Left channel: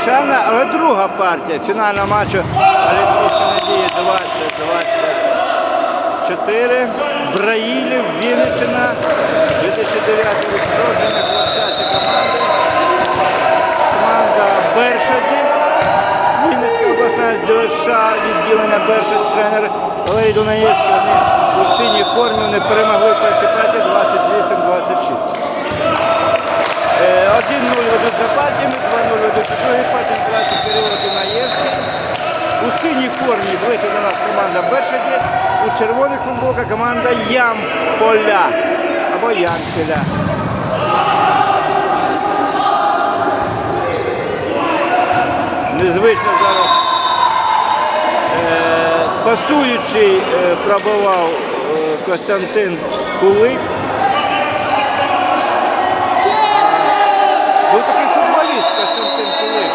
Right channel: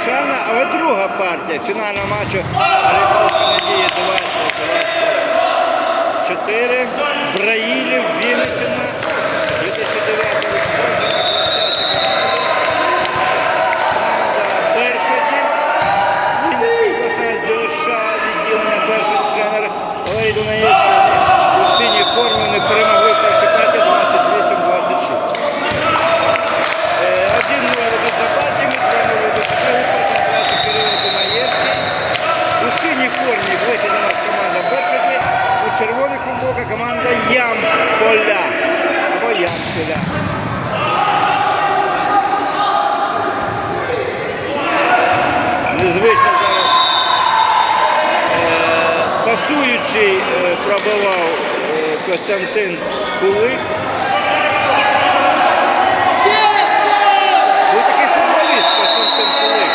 вирішальна, але друга партія фінального матчу Олімпійської надії 2024. Браїлів, Вінниччина, 2009 рік народження, хлопчачі команди. Команда Бершаді. Вінницька обласна ДШ, відділення Бершаді, тренер Валерій Дунаєвський. У синій формі вони перемогли в першій партії 28-26. Е, 1-0 ведуть за партіями, 2-0 ведуть другій партії, грати Кирило Дунаєвський. У синій формі вийшла до нас команда Бершаді, у червоних футболка команда Ямполя або Ямпіля. Незвично зараз е, пасуючий е, пробивав е, Костянтин Кулик. Був такий футболіст Костянтин Кулик.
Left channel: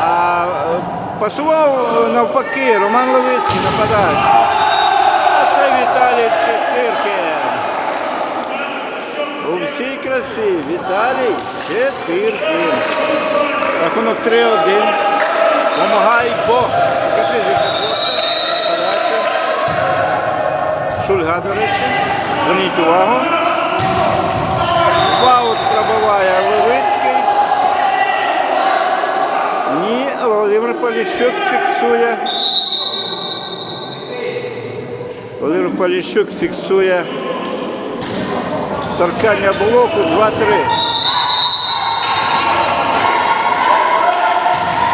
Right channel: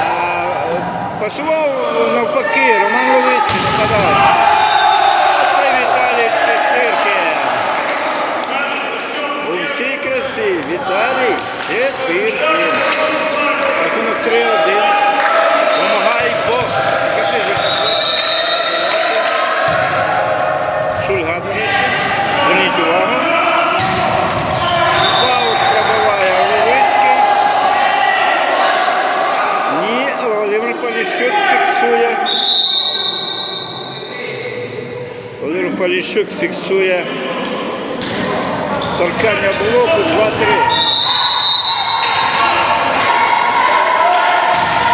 А е, пасував е, навпаки Роман Левицький нападаючий. А це Віталій Четиркін. У всій красі Віталій Четиркін. Рахунок 3-1. Помагай Бог. Яке прізвище хлопця? Шульга, до речі. Зверніть увагу. Ваут пробиває Левицький. Ні, Володимир Поліщук фіксує. Володимир Поліщук фіксує торкання блоку 2-3.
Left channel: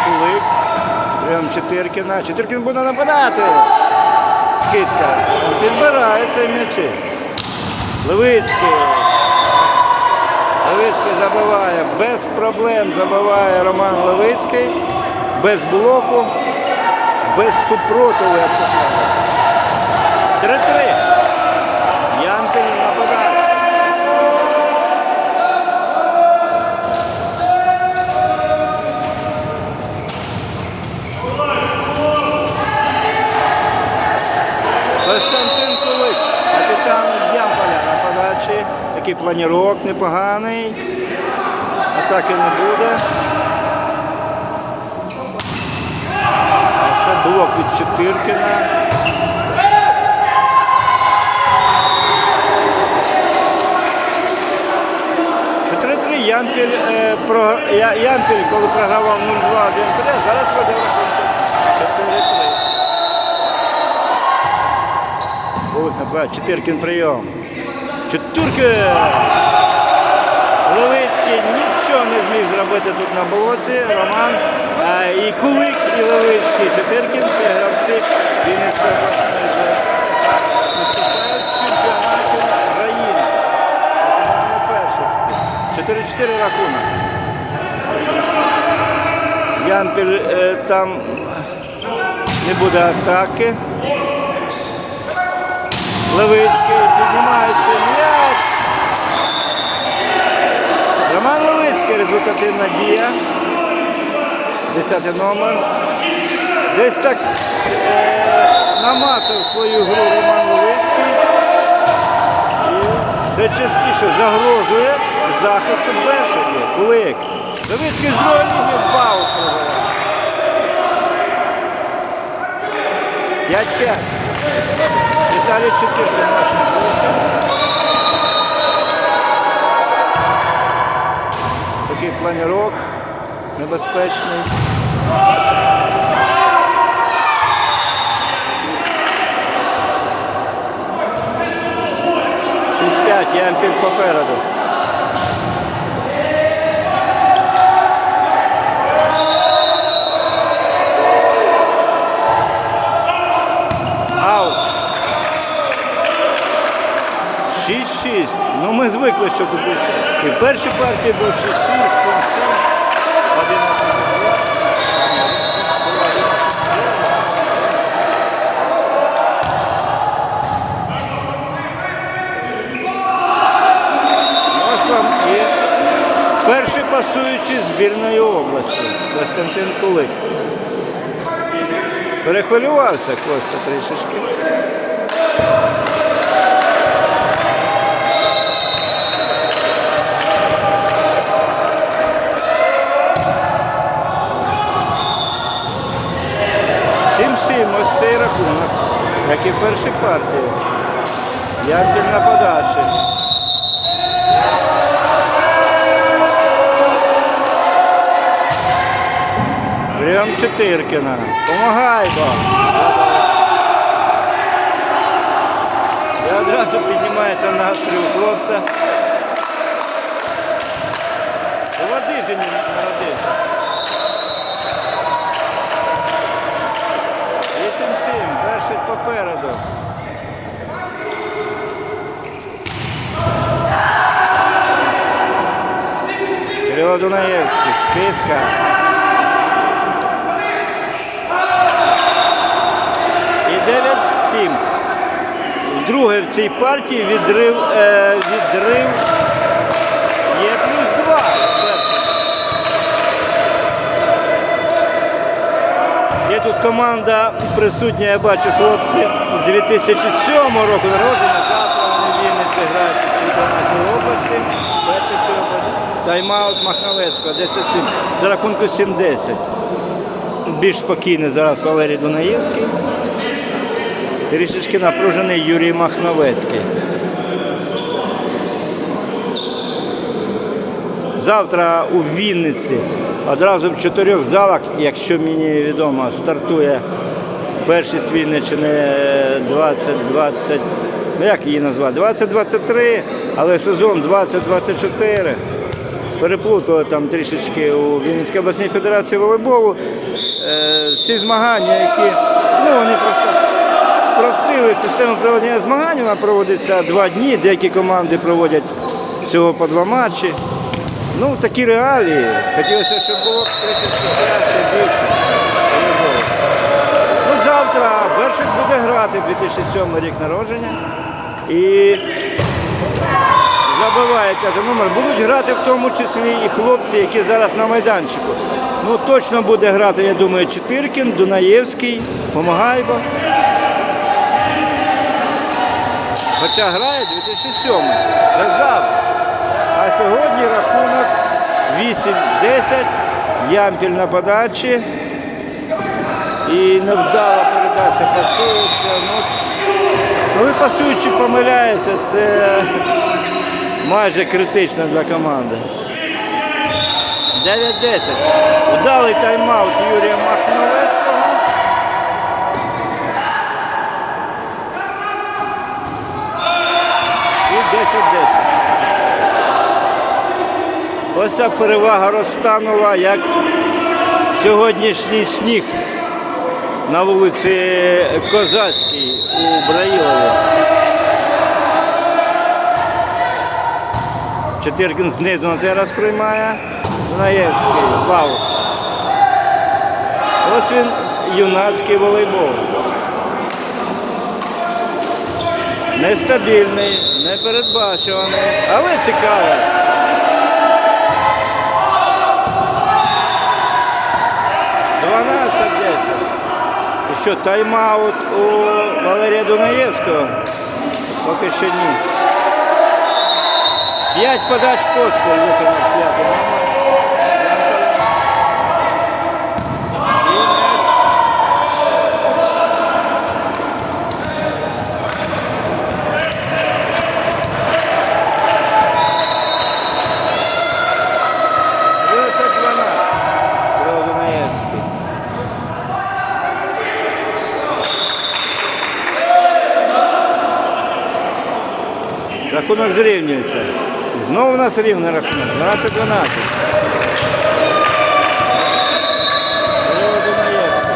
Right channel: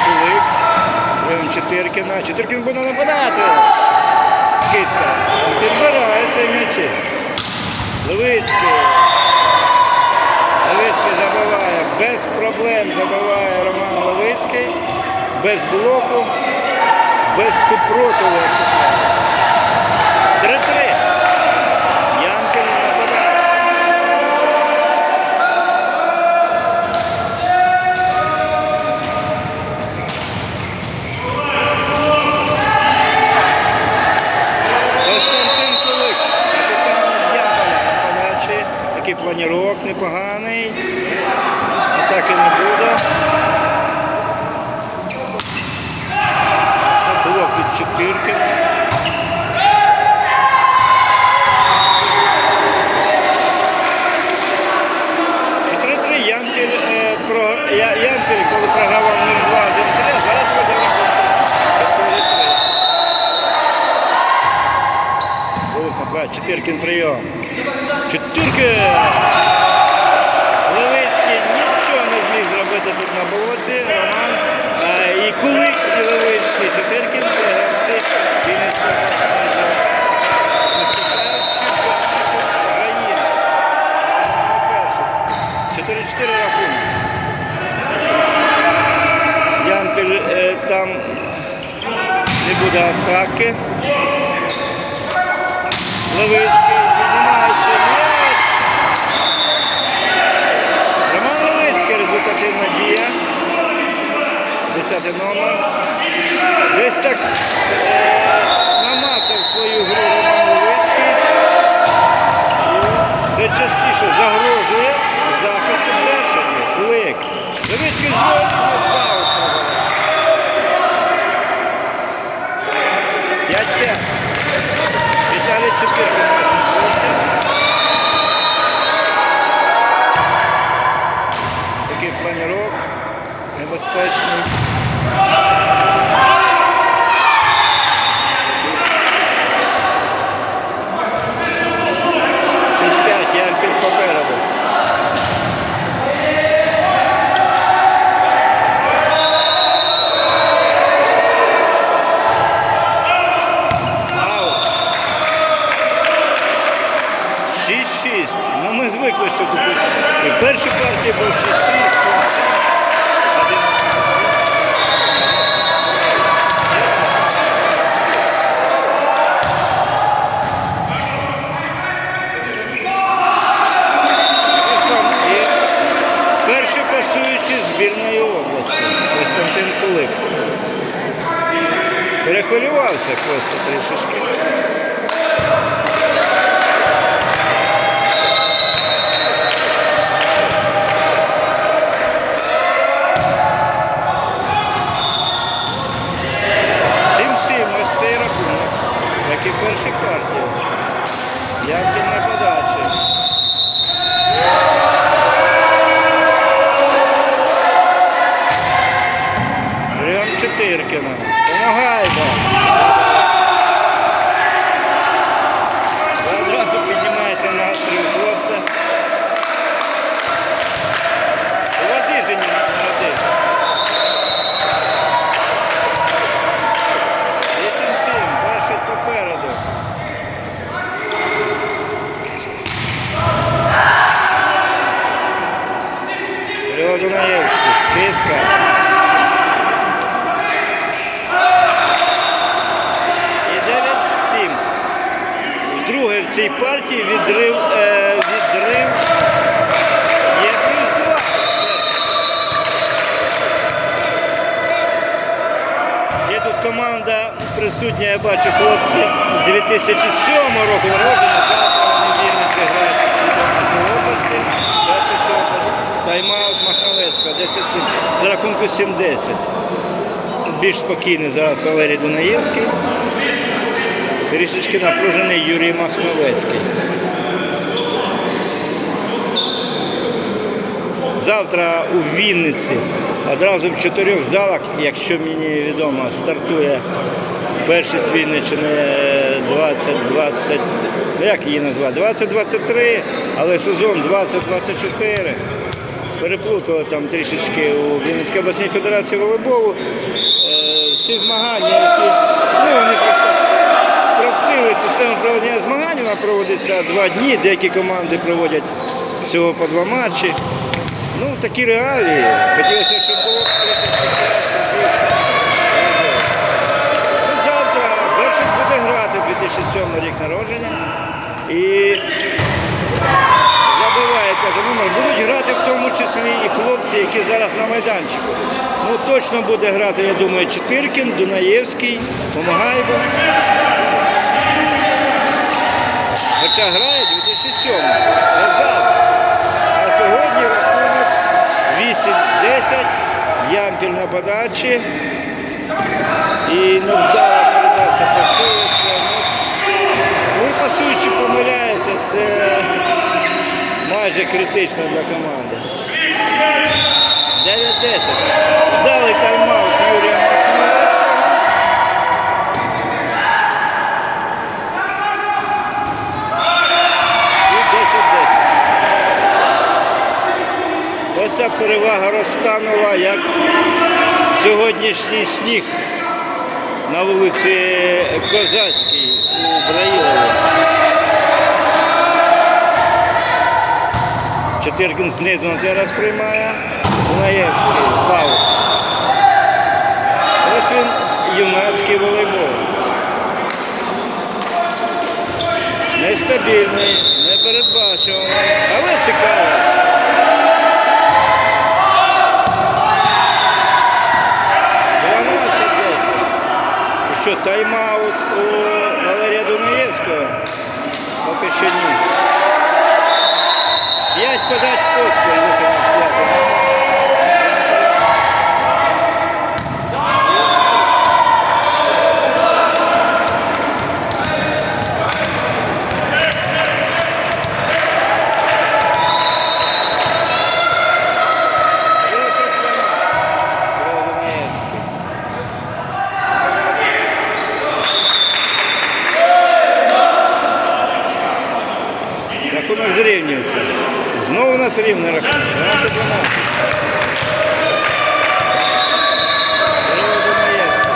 Кулик. Прям Четиркіна. Четиркін буде нападати. Скидка. Підбирає цей м'ячі. Левицький. Левицький забиває. Без проблем забиває Роман Левицький. Без блоку. Без супротиву, як це кажуть. 3-3. Янкель нападає. Константин Кулик, капітан Ямполя, нападаючий. Такий планірок непоганий. Атаки не буде. Блок від Чотиркіна. Ямпіль, е, про, коли програвав 0-2 з Ямпіля, зараз веде рахунок 4-3. Чотиркін прийом. Чотиркін! Левицький нічого не зміг зробити тут на болоті. Роман. А, і Кулик, Чотиркін це гравці Вінницької обласної Виступають в України. На першості. 4-4 рахунок. Ямпіль е, там не буде атаки. Левицький піднімається. Роман Левицький результативна дія. Десятий номер. Десь так е, намацав свою гру Роман Левицький. Все частіше загрожує захисту Бершаді. Кулик. Левицький знову баут пробиває. 5-5. Віталій Чепірко Такий планірок небезпечний. Шість п'ять, Ямпіль попереду. Ау. 6-6. Ну ми звикли, що купити. І в першій партії був 6-6, 7-7. Один Ось вам і перший пасуючий області Костянтин Кулик. Перехвилювався Костя трішечки. Чотиркіна. Помагай, бо. І одразу піднімається настрій у хлопця. Не народився. 8-7, перший попереду. Кирило Дунаєвський, скидка. І 9-7. Друге в цій партії відрив, е, відрив є плюс 2. Є тут команда присутня, я бачу, хлопці 2007 року народження. Завтра вони грають у чемпіонаті області. Тайм-аут Махновецького, 10 за рахунку 7-10. Більш спокійний зараз Валерій Дунаєвський. Трішечки напружений Юрій Махновецький. Завтра у Вінниці одразу в чотирьох залах, якщо мені відомо, стартує першість Вінниччини 2020, ну як її назвати, 2023, але сезон 2024. Переплутали там трішечки у Вінницькій обласній федерації волейболу. Е, Всі змагання, які ну, вони просто спростили систему проведення змагань, вона проводиться два дні, деякі команди проводять всього по два матчі. Ну, такі реалії. Хотілося, щоб було трішечки краще, більше. Ну, завтра Бершик буде грати 2007 рік народження. І забиває, каже, номер. Будуть грати в тому числі і хлопці, які зараз на майданчику. Ну, точно буде грати, я думаю, Чотиркін, Дунаєвський, Помагайбо. Хоча грає 2007 за завтра. А сьогодні рахунок 8-10, Ямпіль на подачі. І невдала передача пасуюча. Ну, коли пасуючий помиляється, це майже критично для команди. 9-10. Вдалий тайм-аут Юрія Махновецького. І 10-10. Ось ця перевага розтанула, як сьогоднішній сніг на вулиці Козацькій у Браїлові. Чотиркін знизу зараз приймає. Дунаєвський, Павло. Ось він юнацький волейбол. Нестабільний, непередбачуваний, але цікаво. Дванадцять десять. Що, тайм-аут у Валерія Дунаєвського? Поки ще ні. П'ять подач поспіль виконав п'ятий номер. Дев'ятсот дванадцять. Кирило Дунаєвський. Рахунок зрівнюється. Знову у нас рівний рахунок. 12-12. Кирило Дунаєвський.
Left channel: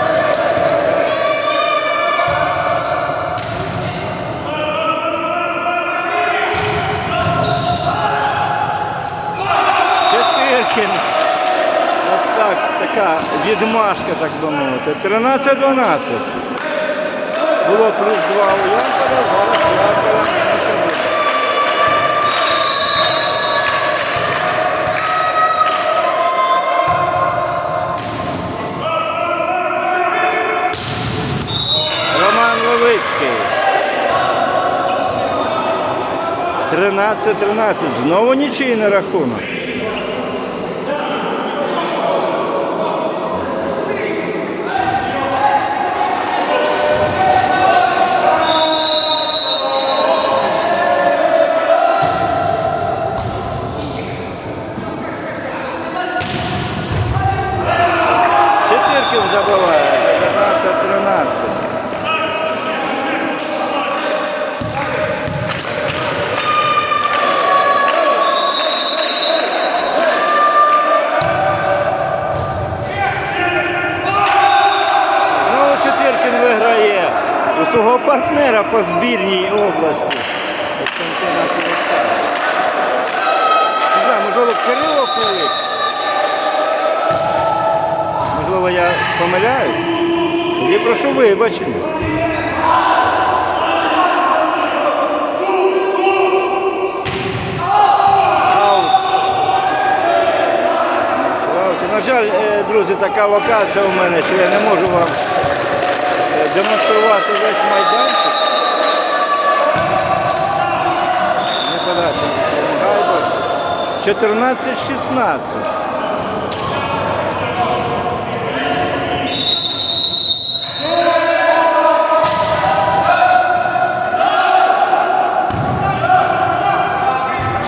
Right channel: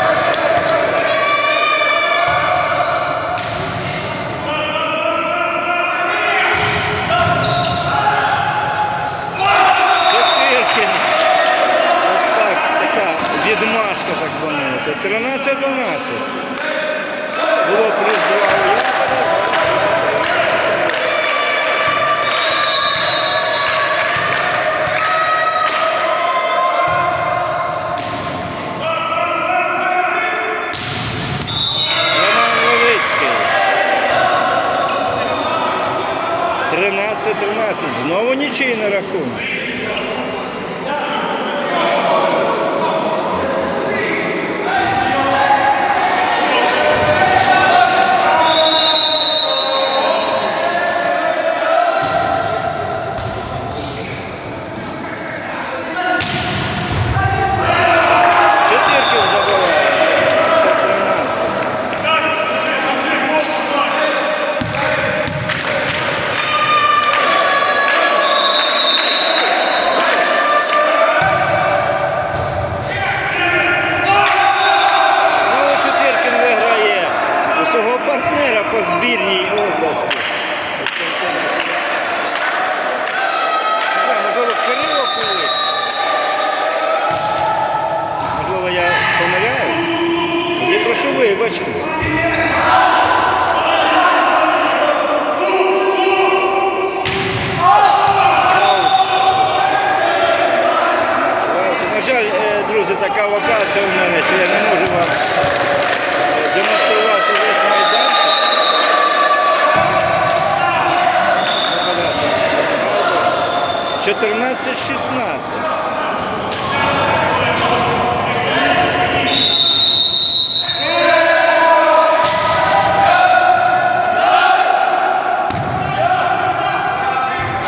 Чотиркін. Ось так, така відмашка, так би мовити. 13-12. Було плюс 2 у 13-13. Знову нічийний рахунок. По збірній області. Можливо, Кирило Кулик. Можливо, я помиляюсь. Я прошу вибачки. На жаль, е, друзі, така локація у мене, що я не можу вам демонструвати весь майданчик. Не подальше. Гайбаш. 14-16.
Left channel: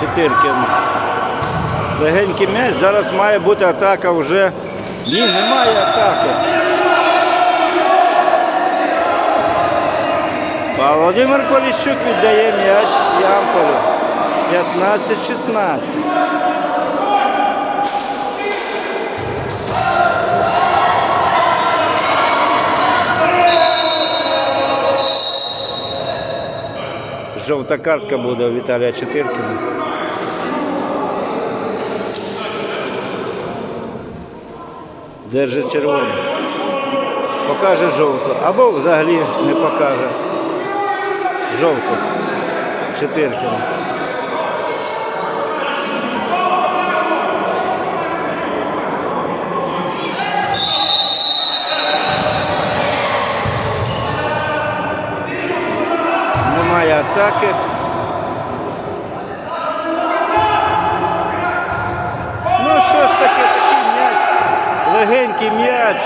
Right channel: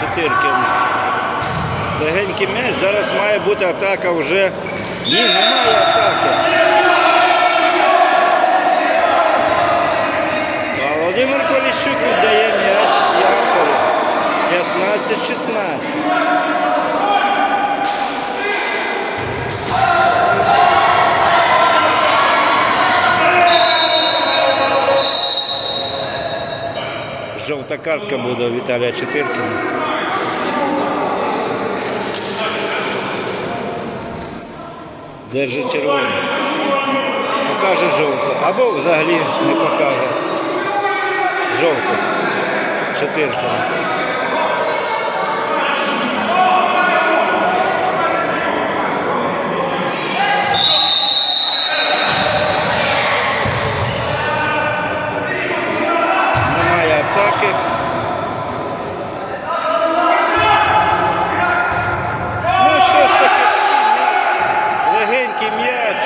Чотиркин. Легенький м'яч. Зараз має бути атака вже. Ні, немає атаки. Володимир Поліщук віддає м'яч Ямполу. 15-16. Жовта картка буде у Віталія Чотиркіна. Держить червону. Покаже жовту. Або взагалі не покаже. Жовту. Чотиркіна. Немає атаки. Ну що ж таке, такий м'яч, легенький м'яч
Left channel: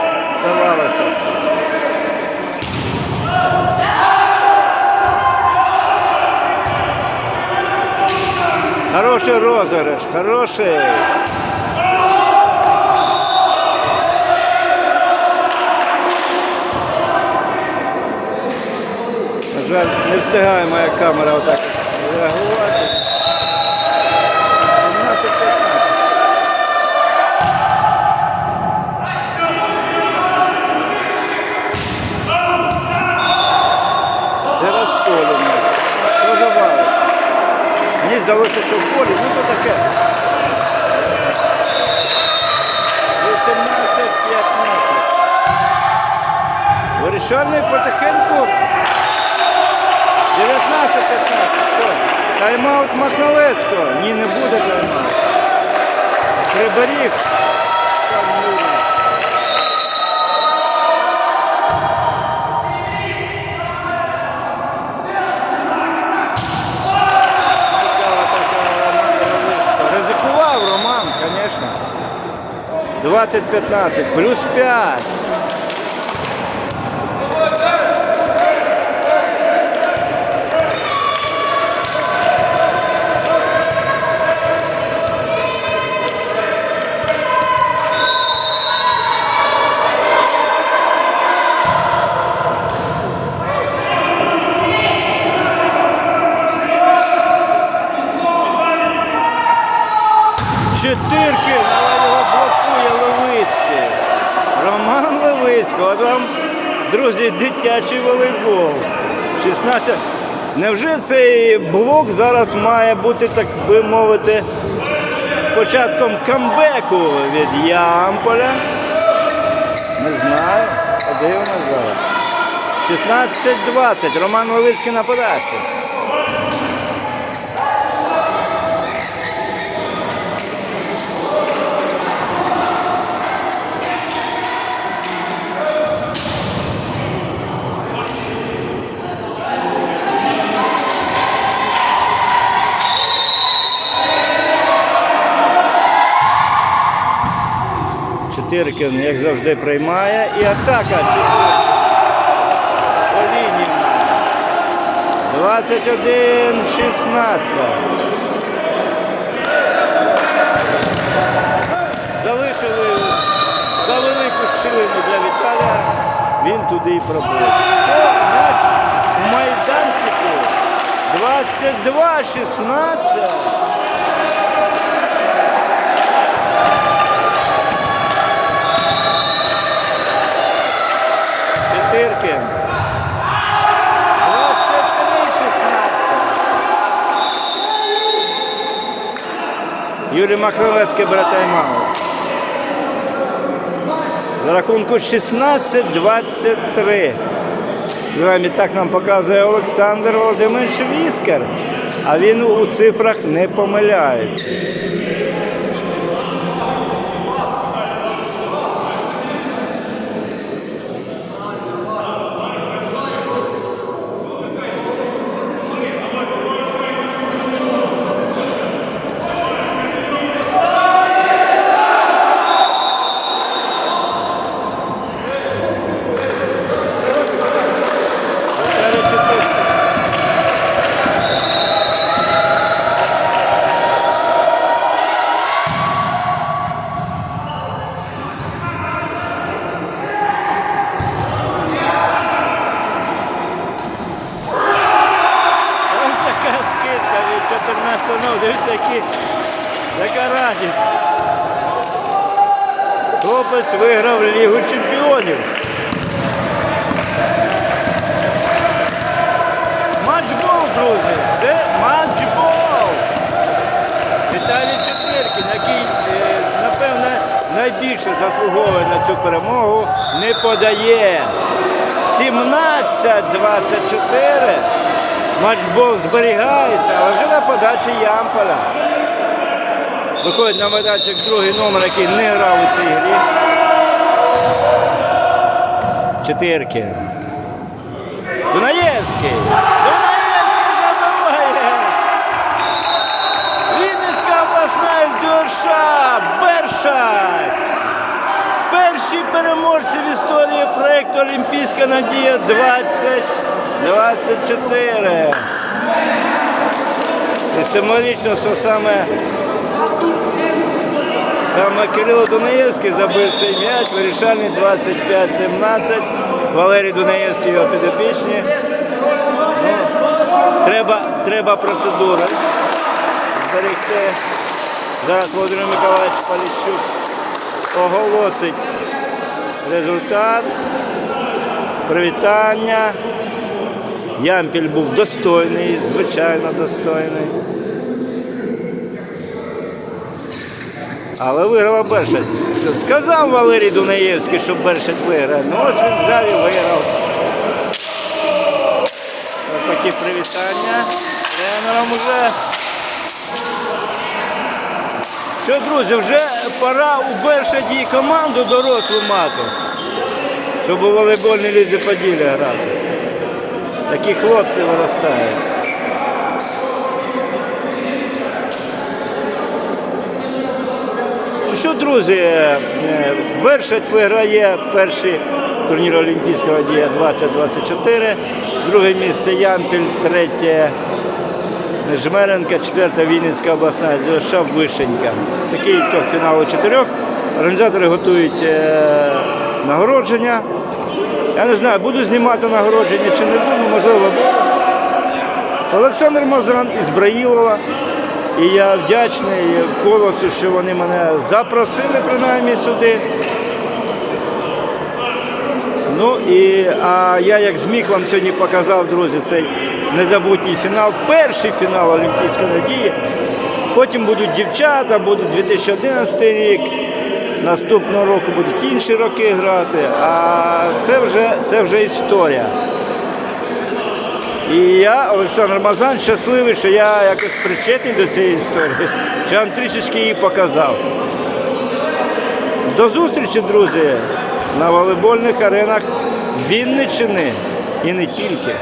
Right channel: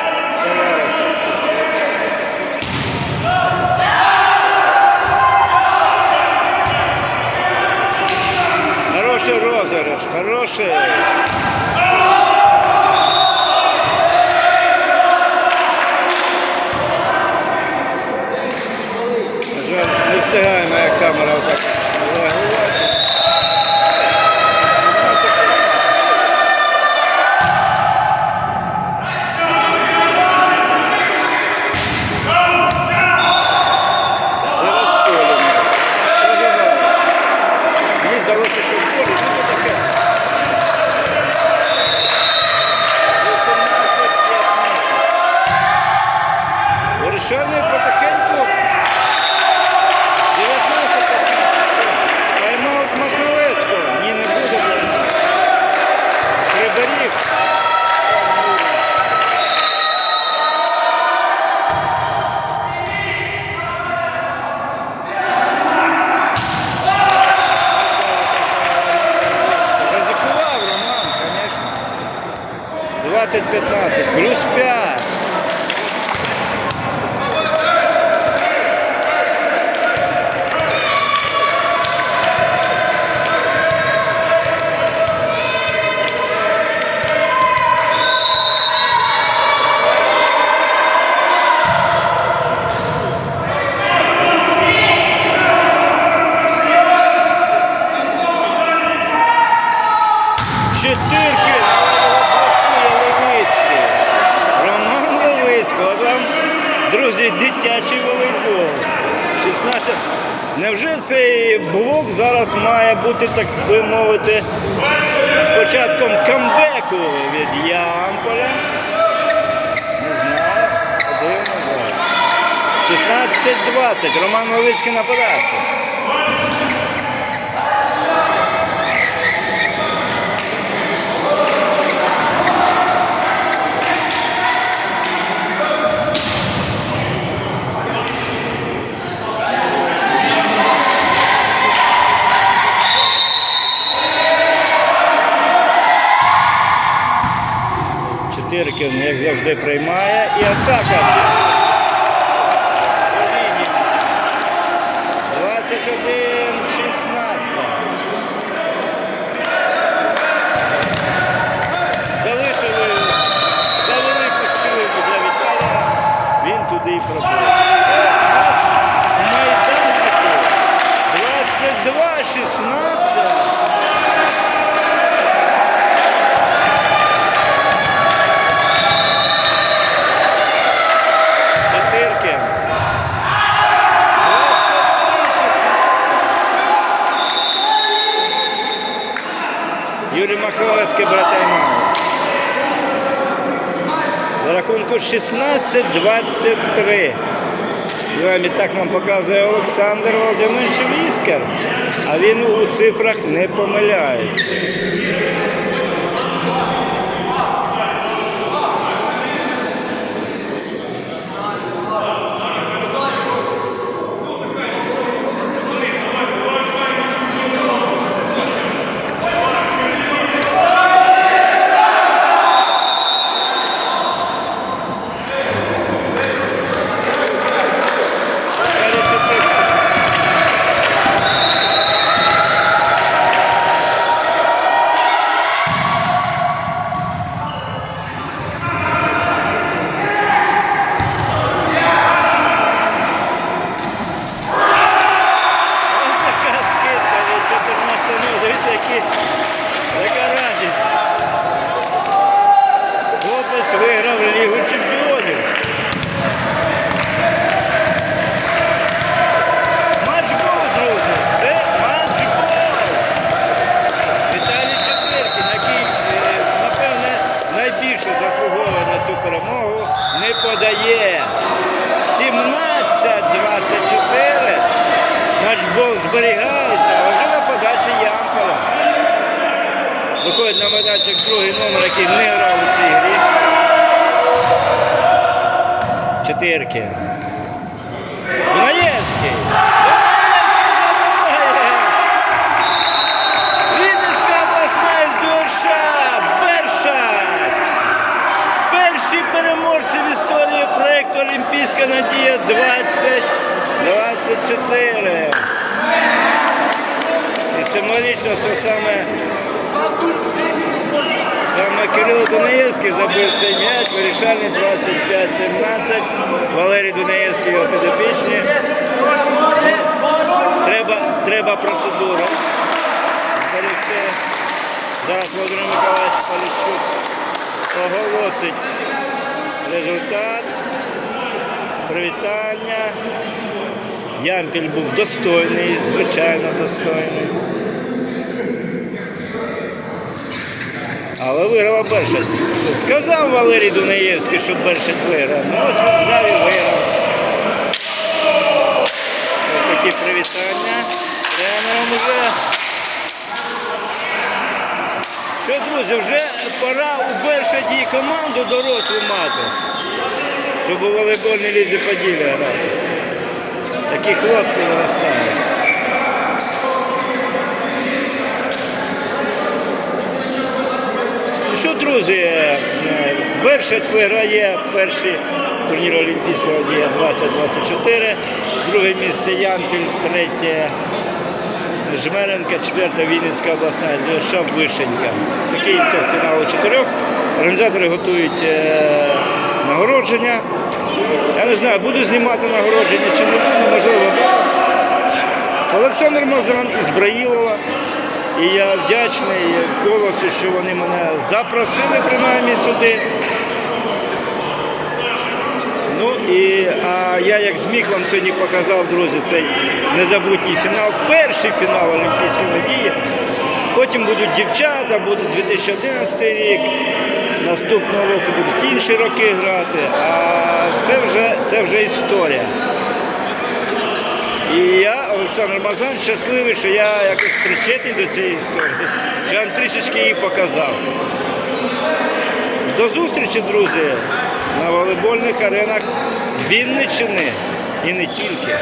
давалося. Хороший розыгрыш, хороший. Не встигає моя камера отак реагувати. 17-15. Це розполено. Продавалося. Мені здалося, що в полі, то таке. 18-15. Вирішальний потихеньку. 19-15. Що? Тайм-аут Махновецького. Ні, не буде тайм-аут. Приберіг. Ризикував Роман, звісно. 20-15, плюс 5. Чотирки, але його блокує Левицький. Роман Левицький. От вам, друзі, дитячий волейбол. 16. Невже цей блок зараз має бути, так би мовити, початком камбеку від Ямполя? Не знаю. Подивимось зараз. 16-20. Роман Левицький на подачі. Чотиркін, як завжди, приймає. І атака. По 21-16. Залишили за велику щілину для Віталія. Він туди і пробив. В майданчику 22-16. Чотиркін. 21-16. Юрій Махровецький, брата і мама. За рахунку 16-23. Граємо так нам показує Олександр Володимирович Віскер. А він у цифрах не помиляється. Ось така скидка від 14 ну, дивіться, які, яка радість. Хлопець виграв Лігу чемпіонів. Матчбол, друзі, це матчбол. Віталій Четвіркін, який, е, напевне, найбільше заслуговує на цю перемогу, не подає. 17-24. Матчбол зберігається, але вже на подачі Ямполя. Виходить на майданчик другий номер, який не грав у цій грі. Чотирки. Дунаєвський. Дунаєвський забиває. Вінницька обласна СДОШ. Бершак. Перші переможці в історії проєкту Олімпійська надія 2024. І символічно, що саме, саме Кирило Дунаєвський забив цей м'яч, вирішальний 25-17. Валерій Дунаєвський його підопічні. Треба, треба процедури зберегти. Зараз Володимир Миколаївич Поліщук оголосить результат. Привітання. Ямпіль був достойний, звичайно достойний. Але виграла Бершать. Сказав Валерій Дунаєвський, що Бершать виграє. Ну ось він взяв і виграв. Ось такі привітання тренером уже. Що, друзі, вже пора у і команду дорослу мати, щоб у волейбольній лізі Поділля грати. Такі хлопці виростають. Що, друзі, е, Бершать виграє перший турнір Олімпійського дія 2024, друге місце Ямпіль, третє Жмеренка, четверта Вінницька обласна ЗЮШ Вишенька. Такий фіналу чотирьох. Організатори готують е, нагородження. Я не знаю, буду знімати нагородження чи не буду, можливо. Олександр Мазан із Браїлова. І я вдячний колосу, що вони мене запросили принаймні сюди. Ну і а я як зміг вам сьогодні показав, друзі, цей незабутній фінал, перший фінал Олімпійської надії. Потім будуть дівчата, буде 2011 рік. Наступного року будуть інші роки грати, а це вже, це вже історія. І я, Олександр Мазан, щасливий, що я якось причетний до цієї історії, що я вам трішечки її показав. До зустрічі, друзі, на волейбольних аренах Вінниччини і не тільки.